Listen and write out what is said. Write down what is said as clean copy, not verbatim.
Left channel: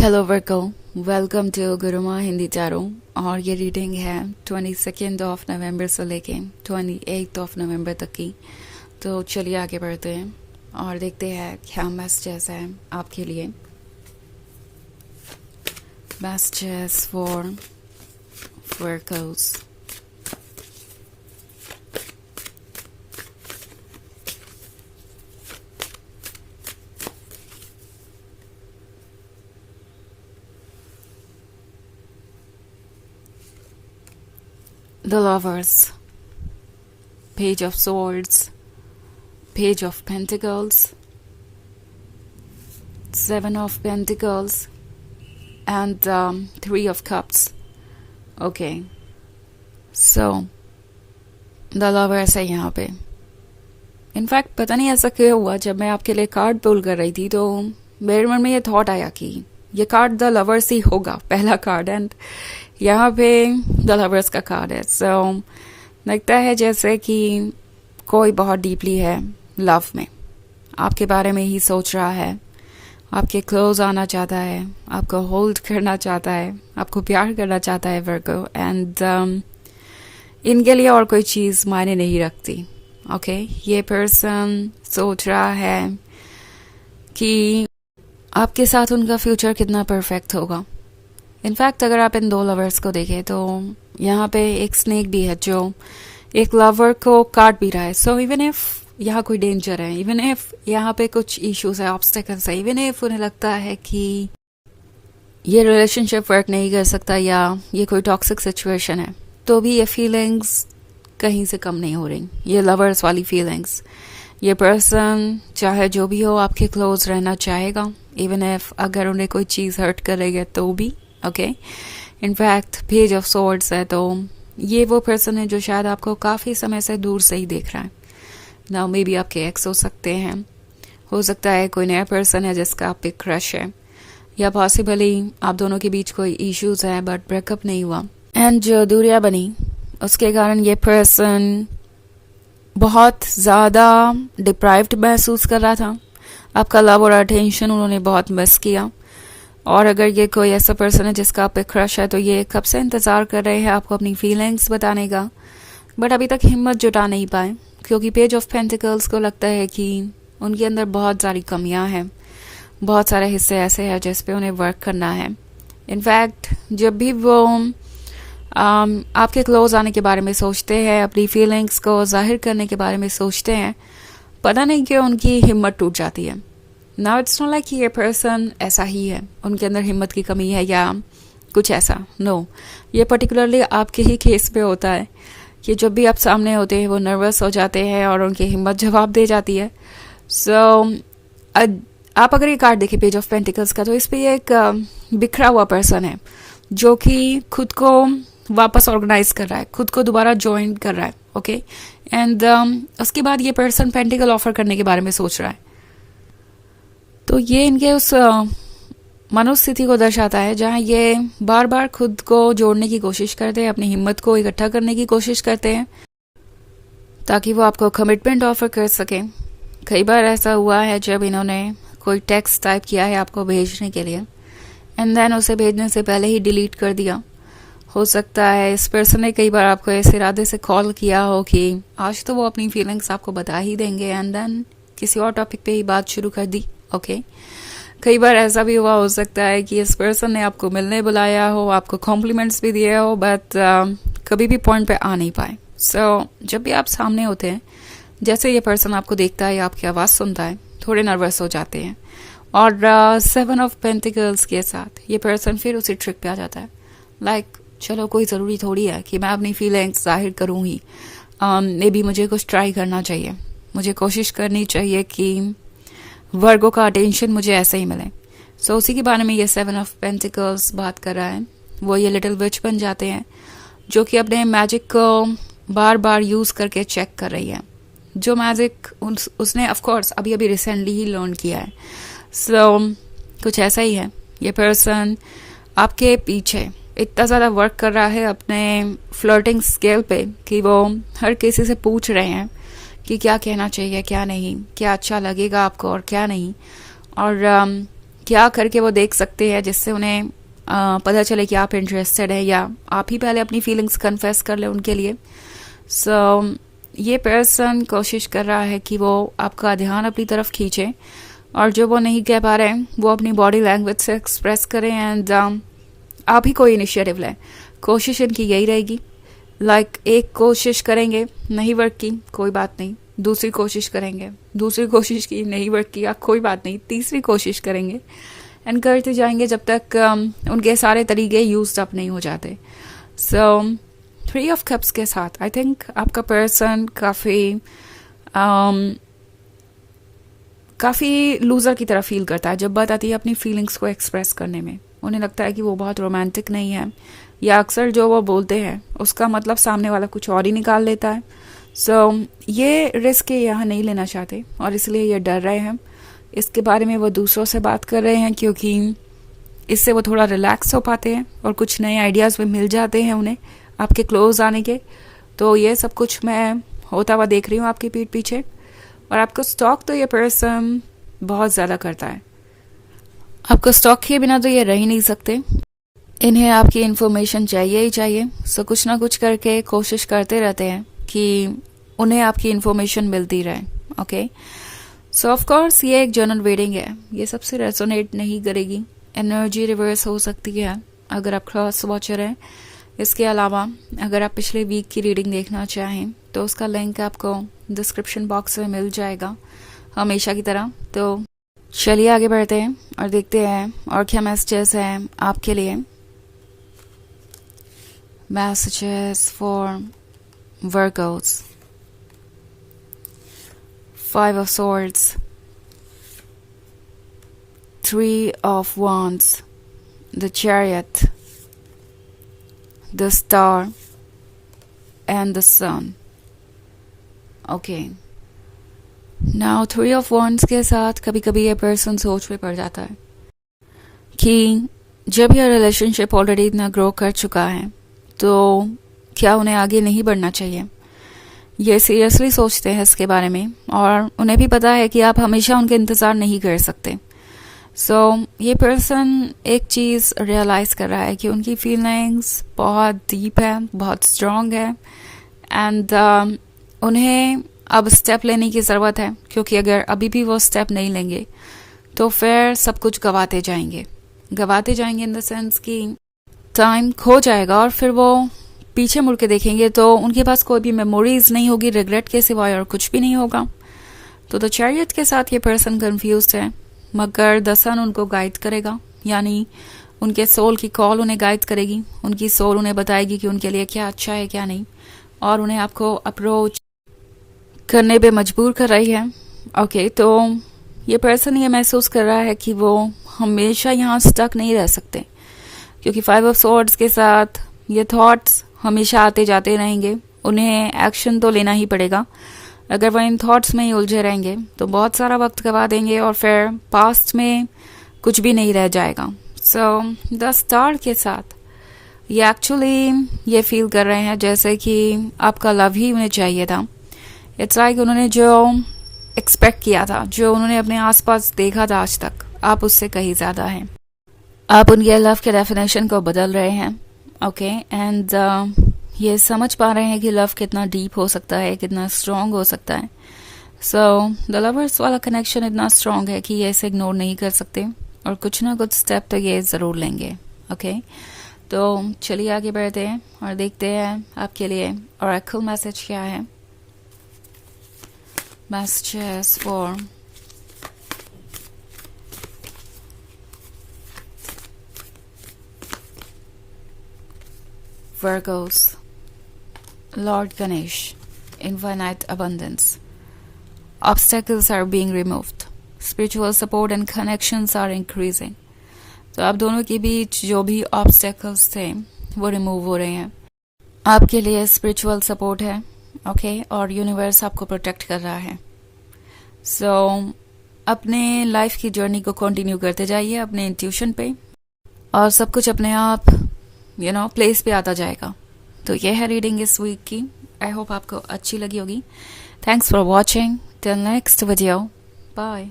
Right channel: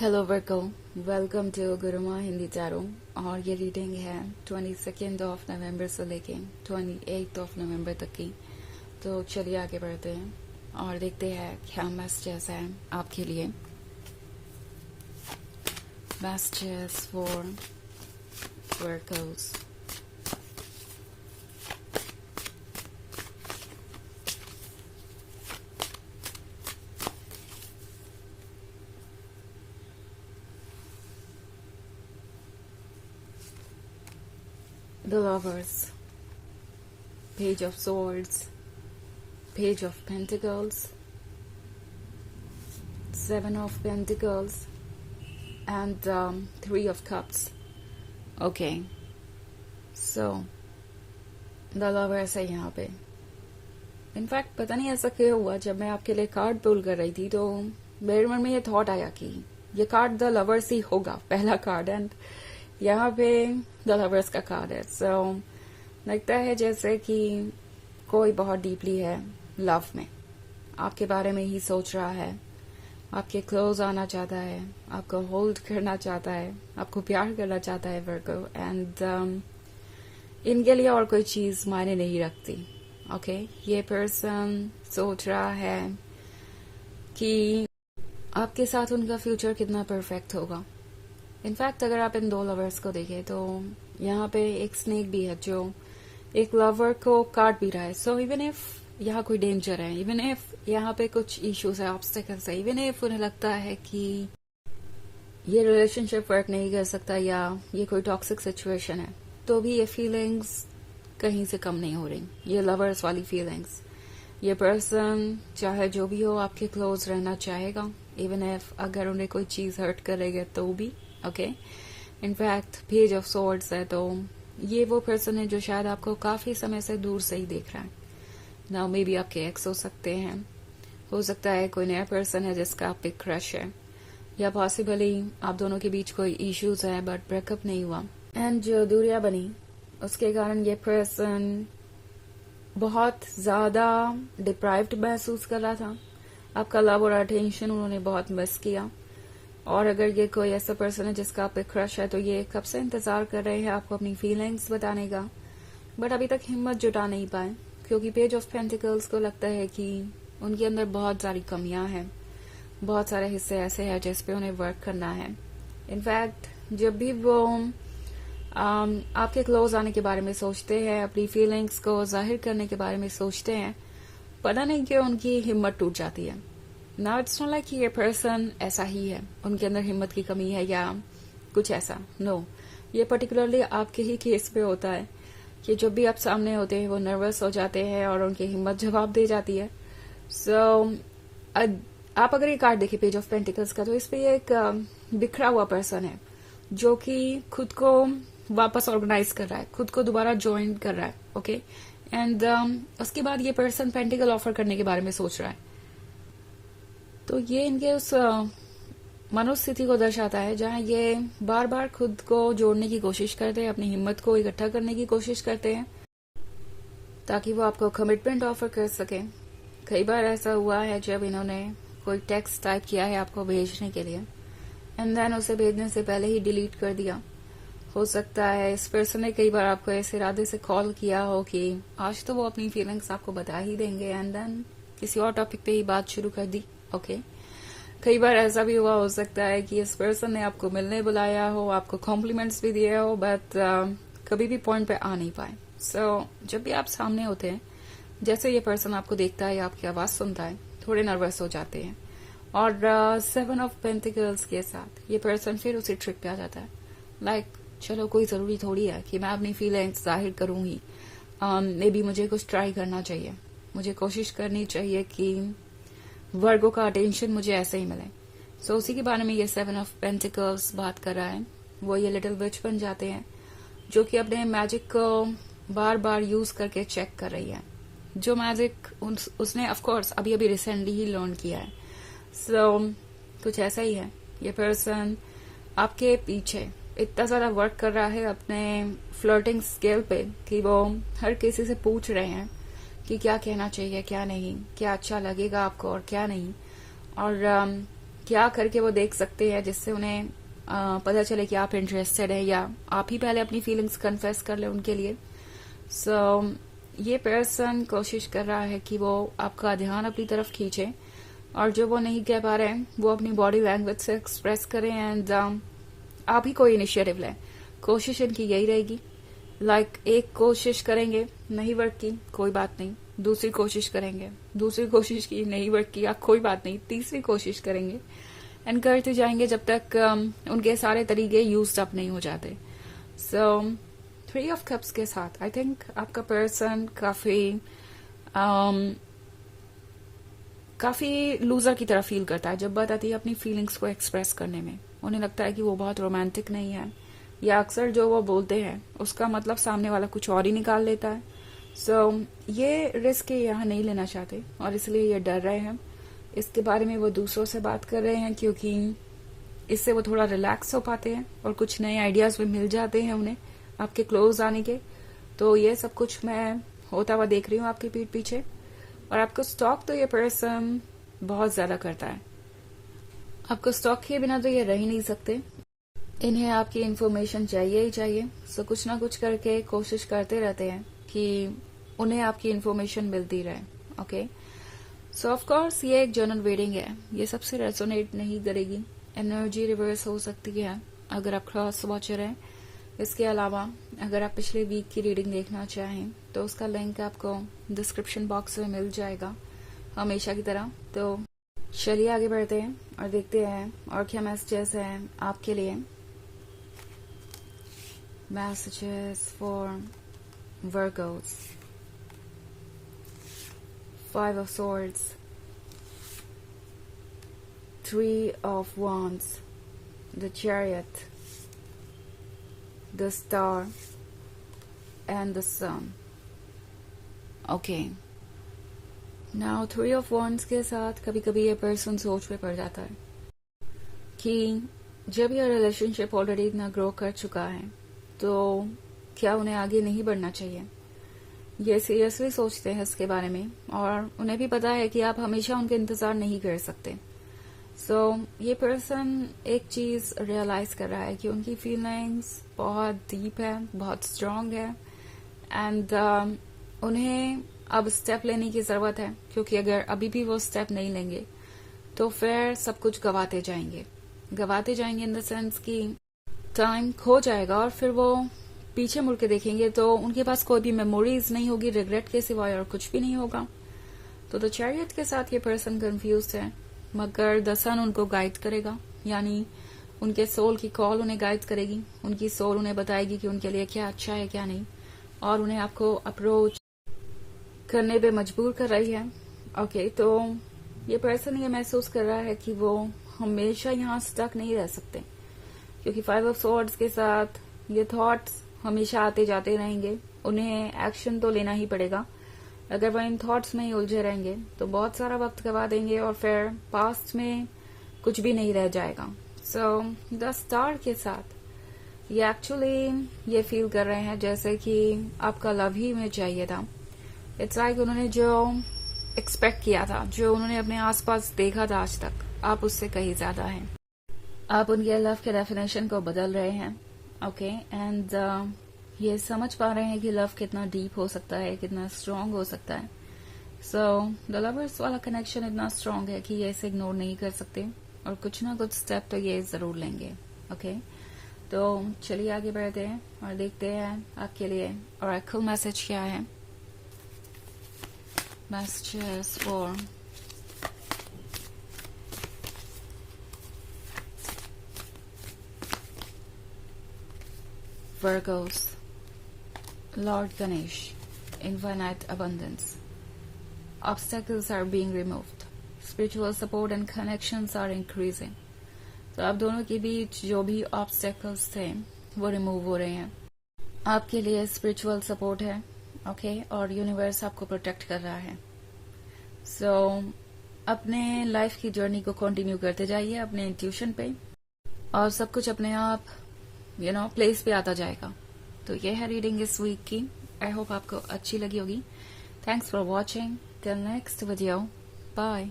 Hello वर्को, welcome to Gurumaa Hindi चारों। और ये रीडिंग है 22 ऑफ नवंबर से लेके 28 ऑफ नवंबर तक की। तो चलिए आगे बढ़ते हैं और देखते हैं क्या मैसेजेस है आपके लिए। मैसेजेस फॉर वर्कोस। The Lovers, Page of Swords, Page of Pentacles, Seven of Pentacles, and Three of Cups. Okay, so The Lovers है यहाँ पे। इनफैक्ट पता नहीं ऐसा क्यों हुआ, जब मैं आपके लिए कार्ड पुल कर रही थी तो मेरे मन में ये थॉट आया कि ये कार्ड द लवर्स ही होगा, पहला कार्ड। एंड यहाँ पे द लवर्स का कार्ड है। सो लगता है जैसे कि कोई बहुत डीपली है लव में, आपके बारे में ही सोच रहा है, आपके क्लोज आना चाहता है, आपको होल्ड करना चाहता है, आपको प्यार करना चाहता है वर्गो। एंड इनके लिए और कोई चीज़ मायने नहीं रखती। ओके, ये पर्सन सोच रहा है कि आपके साथ उनका फ्यूचर कितना परफेक्ट होगा। इनफैक्ट अगर आप इन दो लवर्स को देखें तो यहाँ पे एक स्नेक भी है जो एक लवर को काट भी रहा है। सो इवन इफ यहाँ कोई डेंजर है, इवन इफ यहाँ पे कुछ इश्यूज है, ऑब्स्टेकल्स है, इवन इफ उन्हें लगता है कि ये रिलेशनशिप वर्क नहीं कर सकता या ये कोई टॉक्सिक सिचुएशन है, तो भी ये फीलिंग्स कहीं से कम नहीं हो रही। ये लवर्स वाली फीलिंग्स, ये पर्सन चाहे जो भी हो आपके क्लोज रहना चाहेगा, इवन इफ अगर उन्हें कोई चीज़ हर्ट करेगा तो भी। Okay, in fact page of swords है, तो ये वो पर्सन है जो शायद आपको काफ़ी समय से दूर से ही देख रहा है। नाउ मे बी आपके एक्स हो सकते हैं, हो सकता है कोई नया पर्सन है जिसका आप पे क्रश है, या पॉसिबली आप दोनों के बीच कोई इश्यूज है बट ब्रेकअप नहीं हुआ। एंड जो दूरियां बनी उसके कारण ये पर्सन बहुत ज़्यादा डिप्राइव्ड महसूस कर रहा था। आपका लव और अटेंशन उन्होंने बहुत मिस किया। और अगर ये कोई ऐसा पर्सन है जिसका आप पे क्रश है, तो ये कब से इंतज़ार कर रहे हैं आपको अपनी फीलिंग्स बताने का, बट अभी तक हिम्मत जुटा नहीं पाए, क्योंकि पेज ऑफ पेंटिकल्स को लगता है कि उनके अंदर बहुत सारी कमियां हैं, बहुत सारे हिस्से ऐसे हैं जिस पे उन्हें वर्क करना है। इनफैक्ट जब भी वो आपके क्लोज आने के बारे में सोचते हैं, अपनी फीलिंग्स को जाहिर करने के बारे में सोचते हैं, पता नहीं क्यों उनकी हिम्मत टूट जाती है। नाउ इट्स नॉट लाइक कि ये पर्सन ऐसा ही है, उनके अंदर हिम्मत की कमी है या कुछ ऐसा। नो, ये पर्टिकुलरली आपके ही केस पे होता है कि जब भी आप सामने होते हैं वो नर्वस हो जाते हैं और उनकी हिम्मत जवाब दे जाती है। सो आप अगर ये कार्ड देखें पेज ऑफ पेंटिकल्स का, तो इस पे एक बिखरा हुआ पर्सन है जो कि खुद को वापस ऑर्गेनाइज कर रहा है, खुद को दोबारा ज्वाइन कर रहा है। ओके, एंड उसके बाद ये पर्सन पेंटिकल ऑफर करने के बारे में सोच रहा है। तो ये इनके उस मनोस्थिति को दर्शाता है जहाँ ये बार बार खुद को जोड़ने की कोशिश करते हैं, अपनी हिम्मत को इकट्ठा करने की कोशिश करते हैं ताकि वो आपको कमिटमेंट ऑफर कर सकें। कई बार ऐसा हुआ है जब इन्होंने कोई टेक्स्ट टाइप किया है आपको भेजने के लिए, एंड देन उसे भेजने से पहले ही डिलीट कर दिया। हो सकता है इस पर्सन ने कई बार आपको इस इरादे से कॉल किया हो कि आज तो वो अपनी फीलिंग्स आपको बता ही देंगे, एंड देन किसी और टॉपिक पे ही बात शुरू कर दी। ओके, कई बार ऐसा भी हुआ हो सकता है कि इस पर्सन ने आपको मिलने बुलाया हो, आपको कॉम्प्लीमेंट्स भी दिए हो, बट कभी भी पॉइंट पे आ नहीं पाए। सो जब भी आप सामने होते हैं, जैसे ये पर्सन आपको देखता है या आपकी आवाज़ सुनता है, थोड़े नर्वस हो जाते हैं। और सेवन ऑफ पेंटिकल्स के साथ ये पर्सन फिर उसी ट्रिक पे आ जाता है। लाइक चलो कोई ज़रूरी थोड़ी है कि मैं अपनी फीलिंग्स जाहिर करूँ ही, मे बी मुझे कुछ ट्राई करना चाहिए, मुझे कोशिश करनी चाहिए कि वर्गो का अटेंशन मुझे ऐसे ही मिले। सो उसी के बारे में ये सेवन ऑफ पेंटिकल्स बात कर रहा है। वो ये लिटिल विच बन जाते हैं जो कि अपने मैजिक को बार बार यूज़ करके चेक कर रही है, जो मैजिक उसने ऑफ कोर्स अभी अभी रिसेंटली ही लर्न किया है। सो कुछ ऐसा ही है, ये पर्सन आपके पीछे इतना ज़्यादा वर्क कर रहा है अपने फ्लर्टिंग स्केल पे कि वो हर किसी से पूछ रहे हैं कि क्या कहना चाहिए, क्या नहीं, क्या अच्छा लगेगा आपको और क्या नहीं, और क्या करके वो देख सकते हैं जिससे उन्हें पता चले कि आप इंटरेस्टेड है, या आप ही पहले अपनी फीलिंग्स कन्फेस कर ले उनके लिए. सो ये पर्सन कोशिश कर रहा है कि वो आपका ध्यान अपनी तरफ खींचे, और जो वो नहीं कह पा रहे हैं वो अपनी बॉडी लैंग्वेज से एक्सप्रेस करें, एंड आप ही कोई इनिशिएटिव लें. कोशिश इनकी यही रहेगी. एक कोशिश करेंगे, नहीं वर्क की, कोई बात नहीं, दूसरी कोशिश करेंगे, दूसरी कोशिश की, नहीं वर्क किया, कोई बात नहीं, तीसरी कोशिश करेंगे, एंड करते जाएंगे जब तक उनके सारे तरीके यूज अप नहीं हो जाते. सो 3 ऑफ कप्स के साथ आई थिंक आपका पर्सन काफ़ी लूज़र की तरह फील करता है जब बात आती है अपनी फीलिंग्स को एक्सप्रेस करने में. उन्हें लगता है कि वो बहुत रोमांटिक नहीं है, या अक्सर जो वो बोलते हैं उसका मतलब सामने वाला कुछ और ही निकाल लेता है. सो ये रिस्क यहाँ नहीं लेना चाहते, और इसलिए ये डर रहे हैं. इसके बारे में वो दूसरों से बात कर रहे हैं, क्योंकि इससे वो थोड़ा रिलैक्स हो पाते हैं और कुछ नए आइडियाज़ भी मिल जाते हैं उन्हें आपके क्लोज आने के. तो ये सब कुछ मैं होता हुआ देख रही हूँ आपकी पीठ पीछे. और आपको स्टॉक तो ये पर्सन बहुत ज़्यादा करता है. आपको स्टॉक के बिना तो ये रह ही नहीं सकते. इन्हें आपकी इन्फॉर्मेशन चाहिए ही चाहिए. सो कुछ ना कुछ करके कोशिश करते रहते हैं कि उन्हें आपकी इन्फॉर्मेशन मिलती रहे. ओके, सो ऑफ कोर्स ये एक जनरल रीडिंग है, ये सबसे रेजोनेट नहीं करेगी. एनर्जी रिवर्स हो सकती है अगर आप क्रॉस वॉचर हैं. इसके अलावा अगर आप पिछले वीक की रीडिंग देखना चाहें तो उसका लिंक आपको डिस्क्रिप्शन बॉक्स में मिल जाएगा हमेशा की तरह. तो चलिए आगे बढ़ते हैं और देखते हैं और क्या मैसेजेस हैं आपके लिए. Messages for Virgo's. 5 of swords, 3 of wands, the chariot, the star, and the sun. Okay. Now 3 of wands के साथ कभी कभी ये पर्सन सोच में पड़ जाता है कि जब यह रिलेशनशिप ऑलरेडी इतना ग्रो कर चुका है तो क्या उन्हें आगे नहीं बढ़ना चाहिए. ये सीरियसली सोचते हैं इसके बारे में, और उन्हें भी पता है कि आप हमेशा उनके इंतज़ार नहीं कर सकते. सो ये पर्सन एक चीज़ रियलाइज़ कर रहा है कि उनकी फीलिंग्स बहुत डीप है, बहुत स्ट्रॉन्ग है, एंड उन्हें अब स्टेप लेने की ज़रूरत है, क्योंकि अगर अभी भी वो स्टेप नहीं लेंगे तो फिर सब कुछ गवाते जाएंगे इन द सेंस कि टाइम खो जाएगा, और फिर वो पीछे मुड़ के देखेंगे तो उनके पास कोई भी मेमोरीज नहीं होगी, रिग्रेट के सिवाय और कुछ भी नहीं होगा. तो द चैरियट के साथ ये पर्सन कंफ्यूज्ड है, मगर द सन उनको गाइड करेगा, यानी उनके सोल की कॉल उन्हें गाइड करेगी. उनकी सोल उन्हें बताएगी कि उनके लिए क्या अच्छा है क्या नहीं, और उन्हें आपको अप्रोच करने पे मजबूर कर रही है. ओके, तो ये पर्सन ये महसूस कर रहा है कि वो हमेशा यहाँ स्टक नहीं रह सकते, क्योंकि 5 ऑफ स्वॉर्ड्स के साथ ये थॉट्स हमेशा आते जाते रहेंगे. उन्हें एक्शन तो लेना ही पड़ेगा. अगर वह इन थॉट्स में ही उलझे रहेंगे तो बहुत सारा वक्त गवा देंगे, और फिर पास्ट में कुछ भी नहीं रह जाएगा. सो द स्टार के साथ ये एक्चुअली ये फील कर रहे हैं जैसे कि आपका लव ही उन्हें चाहिए था. इट्स लाइक उन्होंने जो एक्सपेक्ट किया था, जो उन्होंने अपने आसपास देखा था आज तक, आप उससे कहीं ज़्यादा हैं. आप उनके लव के डेफिनेशन को बदल रहे हैं. ओके, एंड ये समझ पा रहे हैं कि लव कितना डीप हो सकता है, कितना स्ट्रॉन्ग हो सकता है. सो द लवर्स वाला कनेक्शन इतना स्ट्रॉन्ग है कि ये इसे इग्नोर नहीं कर सकते, और कुछ ना कुछ स्टेप तो ये ज़रूर लेंगे. ओके, तो चलिए आगे बढ़ते हैं और देखते हैं आपके लिए ऑरेकल मैसेज क्या है. Messages for Virgos, Lord Ganesh, infinite abundance. Obstacles are being removed. Spiritual support and connections are increasing. तो आप दोनों के बीच जो भी ऑब्स्टेकल्स थे वो रिमूव हो रहे हैं. आपके लिए स्पिरिचुअल सपोर्ट है. ओके, और यूनिवर्स आपको प्रोटेक्ट कर रहा है. सो अपने लाइफ की जर्नी को कंटिन्यू करते जाइए अपने इंट्यूशन पे, और सब कुछ अपने आप प्लेस पे आता जाएगा. तो ये है रीडिंग इस वीक की. आई होप आपको अच्छी लगी होगी. Thanks for watching. Till next video. Bye.